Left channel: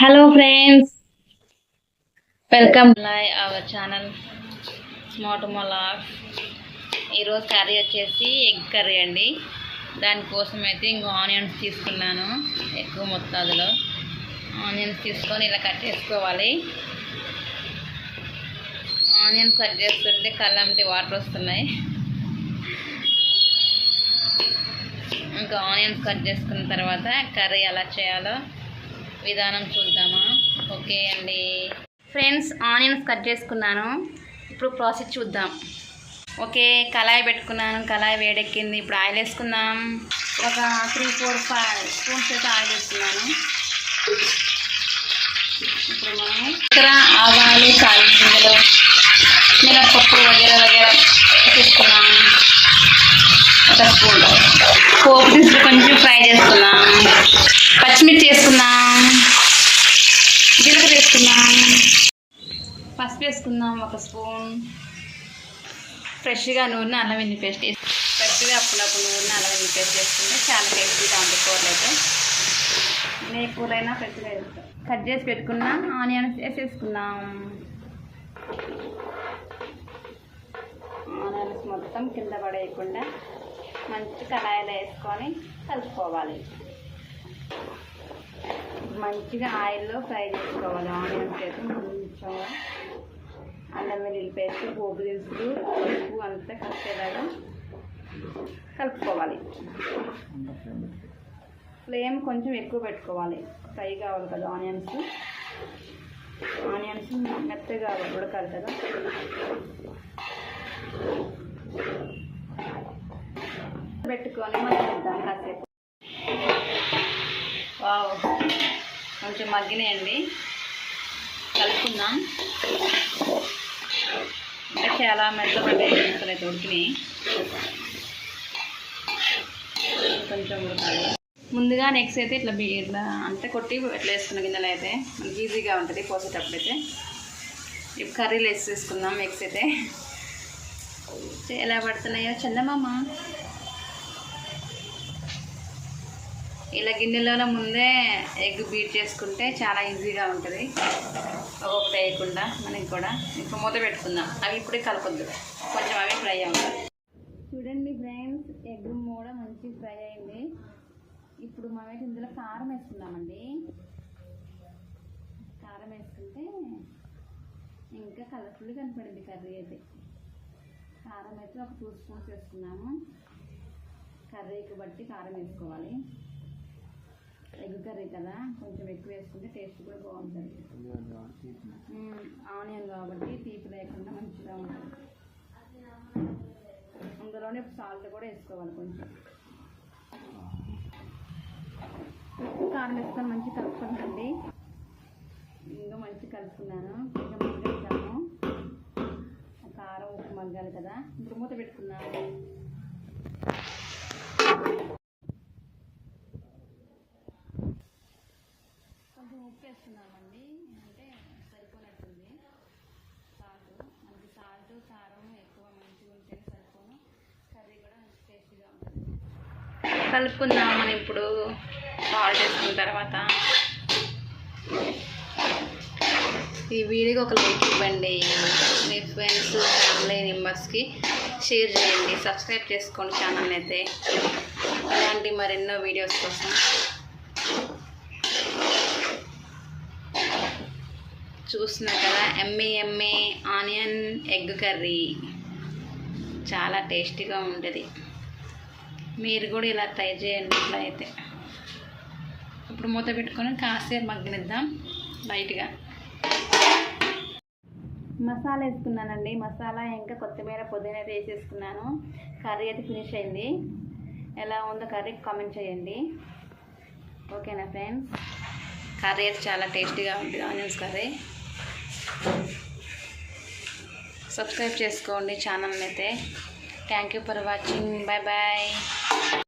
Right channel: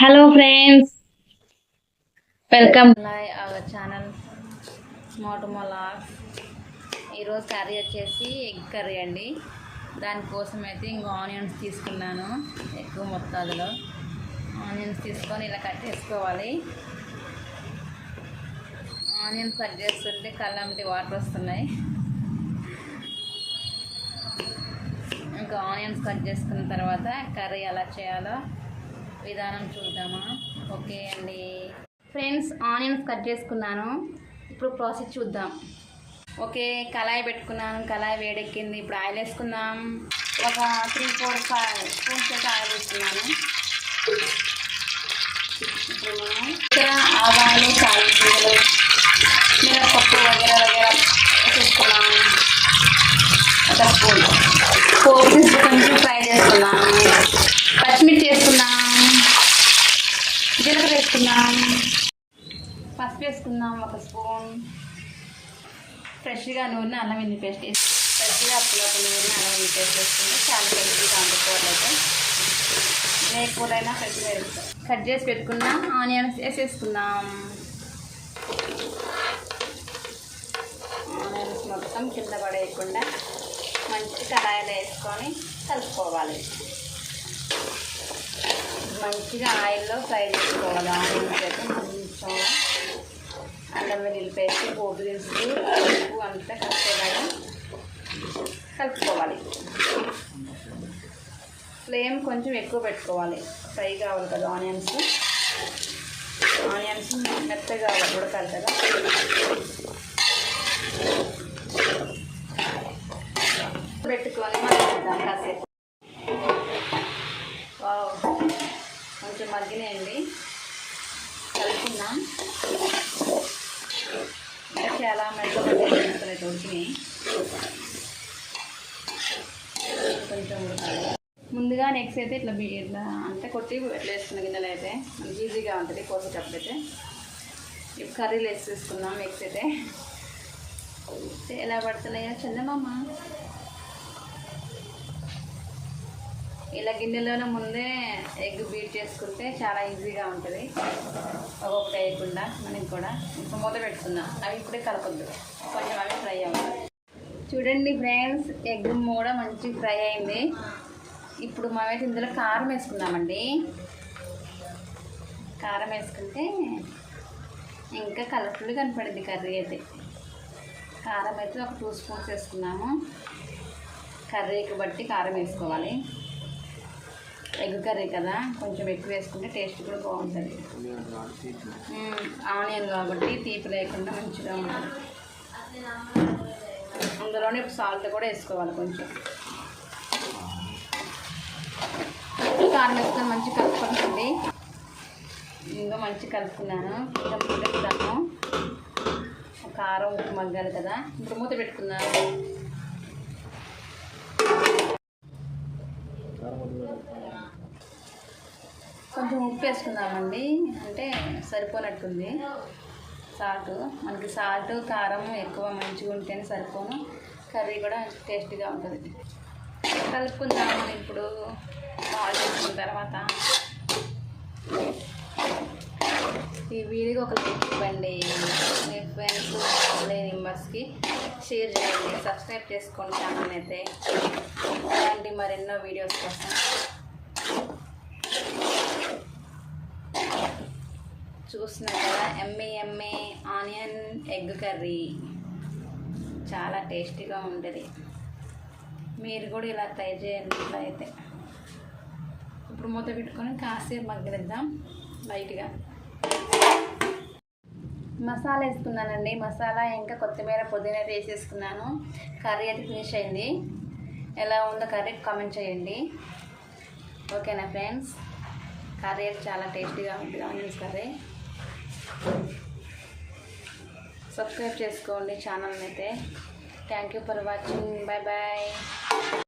Hello friends, welcome our channel smart మొలాగ్. ఈరోజు curry వచ్చేసి ఎగ్ కర్రీ అండి. దానికోసం అయితే ఇంకో ఆనియన్స్ తీసుకున్నాను. ఎక్కువ మొత్తాదులో ఆనియన్స్ తీసుకొని ఇలా కట్ చేసుకోవాలి. ఆనియన్స్ కట్ చేస్తుంటే కళ్ళంటి వాటర్ వస్తున్నాయి. ఇంకా ఆనియన్స్ కట్ చేసుకున్న తర్వాత కర్రీ ఎలా చేయాలో విధానం చూద్దామా? ఓకే అండి ఫ్రెండ్స్, ఆనియన్స్ కట్ చేసుకున్నాను. ఇప్పుడు ప్రాసెస్ చూద్దాం. ఓకే, కళాయి పెట్టుకున్నాను. కళాయి వేడెక్కింది. ఇప్పుడు ఆయిల్ వేసుకుందాం. ఒక 3-4-5 స్పూన్స్ అయితే ఆయిల్ వేసుకున్నాను. ఇప్పుడు మనం ఇక్కడ ఆవాలు, గింజలు, మినపప్పు వగేరా వేసుకున్నాము. ఒక స్పూన్ పోపు తీసుకు కొంచెం ఫ్రై చేసుకున్నాం. పచ్చిమిర్చి వేసుకున్నాం. జీలకర్ర వేసుకున్నాం. పసుపు వేసుకుందాం. ఒక స్పూన్ ఫ్రెష్గా నూనె అల్లం వెల్లుల్లి పేస్ట్ వేసి ఫ్రెష్గా అప్పుడప్పుడు నూనె అల్లం వెల్లుల్లి పేస్ట్ వేసుకుంటే చాలా టేస్టీగా ఉంటుంది. కూరలు అయితే ఏ కూరైనా ఫ్రెష్గా వేస్తాం. కట్ చేసి పెట్టుకున్నాం. ఆనియన్స్ వేసేసుకుందాం. ఆనియన్స్ మొత్తం కింద పడేయకుండా మంచి కడాయిలో వేసుకొని కలుపుకోవాలి. మంచిగా ఆయిల్లో ఫ్రై చేసుకోవాలి. ఆనియన్స్ అయితే కొంచెం అల్లం వెల్లుల్లి పేస్ట్, పోపు దినుసులు, ఉప్పు అంతా కలిసేలాగా కలుపుకోవాలి. ఫ్లేమ్ కొంచెం ఎక్కువ పెట్టుకోవాలి. ఫ్రై కావాలి కదా ఆనియన్స్ మెత్తగా ఉడకాలి కదా. పెట్టుకొని మగ్గిద్దాం కాసేపు. వావ్, కొంచెం మగ్గినాయండి. కలుపుకుందాం. అంటే చాలా మెత్తపడ్డాయి, ఉడికినాయి. కొంచెం ఉడకాలి. ముందుగా నెక్స్ట్ అయితే ఇట్లా అంటే కొట్టి ఎట్లా వేసుకున్న గిన్నెలు అయితే మనకి ఈజీగా ఉంటుంది కోసేటప్పుడైతే. ఇప్పుడు కర్రీలు వేసుకుందాం. ఎగ్స్ అయితే ఎలా పడుతున్నాయో చందమామ. ఇలా గిన్నెలోనే ముందే ఎగ్ బీట్ చేసుకుంటే చాలా ఈజీగా ఉంటుంది. ఒక్కొక్కటి వేయకుండా మనకి కూడా. ఇప్పుడు మూత పెట్టుకుందాం. అవి ఇప్పుడే కలపొద్దు, కొంచెం అవి ఫ్రై అవ్వాలి. చూడండి ఫ్రెండ్స్, ఎగ్ కూడా మంచి ఫ్రై అయింది. ఇప్పుడు మనమైతే ఇందులో కారం వేసుకుందామండి. కారం వేసుకుంటే ఇంకా కలర్ఫుల్గా కనపడింది కర్రీ అయితే. కారం అయితే ఒక 2 స్పూన్స్ వేసుకున్నాము. కర్రీకి బట్టి కారం వేసుకోవాలి. ఎగ్ కర్రీ కదా, కొంచెం ఎక్కువ వేసుకుంటే టేస్ట్ కూడా బాగుంటుంది. ఆనియన్ కాబట్టి తీపి లేకుండా మంచిగా ఉంటుంది. అందులోనే ఇప్పుడు సాల్ట్ కూడా వేసుకోవాలి. కొంచెం కారం వేసుకొని మంచిగా కలుపుకుంటుంది. ఇంకా మంచిగా కలుపుకున్నాను. ఇంకా మూత పెడతాను. కారం ఉప్పు మగ్గాలి కదా. ఇప్పుడు మూత పెట్టుకున్నాను. కొంచెం ఉప్పు వేసుకుందామండి, అంటే సరిపోనట్టుంది సాల్ట్. మనకి సాల్ట్ కారం ఎక్కువ మంచిగా ఉంటేనే సరిపోను. కర్రీ కూడా టేస్టీగా ఉంటుంది. కలుపుకుందాం. మనం ఇప్పుడు బాయిల్ చేసుకున్న తర్వాత ఈ వీడియోకి ఒక లైక్ ఇవ్వండి. మీ ఫ్రెండ్స్, ఫ్యామిలీ మెంబర్స్కి షేర్ చేయండి. సబ్స్క్రైబ్ చేసుకోండి ఛానల్ అయితే, అలాంటి మరెన్నో వీడియోస్ కోసం. చూస్తున్నారు కదా, ఎమ్మె ఆనియన్ ఎగ్ కర్రీ చాలా టేస్టీగా ఉంటుంది. మీరు కూడా ఇలా ట్రై చేయండి. ఇట్లా అయితే ఇప్పుడు మూత పెట్టుకొని కాసేపు మగ్గనిద్దాం. లైట్గా మసాలా వేసుకున్నానండి. మసాలా ఇంకా కొత్తిమీర, పుదీనా అయితే వేసేసుకున్నాను. కర్రీ అయితే ఫినిష్ అయింది. ఎలా ఉందో కర్రీ కామెంట్ చేయండి. ఓకేనా ఫ్రెండ్స్? కర్రీ అయితే చాలా టేస్టీగా ఉంటుంది. Onions curry. సబ్స్క్రైబ్ చేసుకోండి ఛానల్ని అయితే. Thank you for watching. Bye bye.